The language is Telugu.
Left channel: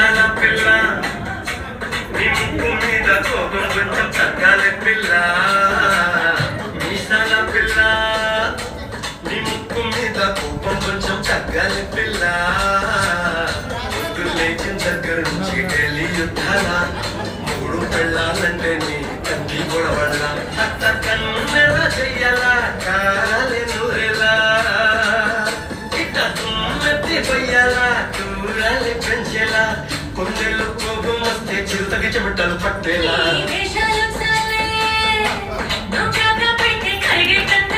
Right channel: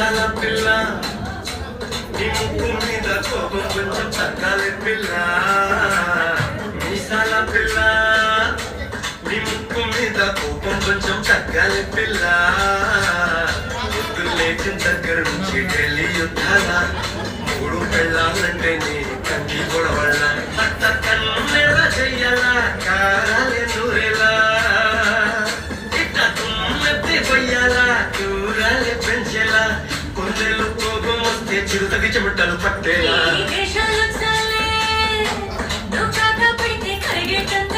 మీసాల పిల్ల నీ ముక్కు మీద కోపం కొంచెం తగ్గాలి పిల్ల మీసాల పిల్ల నీ ముక్కు మీద కోపం కొంచెం తగ్గాలి పిల్ల పొద్దు లేచిన దగ్గర నుంచి ఢిల్లీ యుద్ధాల మూడు పెళ్ళాలంటే నీ కంటి గొడవల్ల అత్త కన్నెల చెయ్యాలా కారాలే నూరేలా ఇట్ట తుమ్మెత్తి కొయ్యాలా దూరాలే పెంచేలా కొందెలు కోపం వస్తే చిరుతకి చెమటలు పట్టేలా ఈ వేషాలు చాలే నువ్వు కాక పెట్టి కరిగేటంత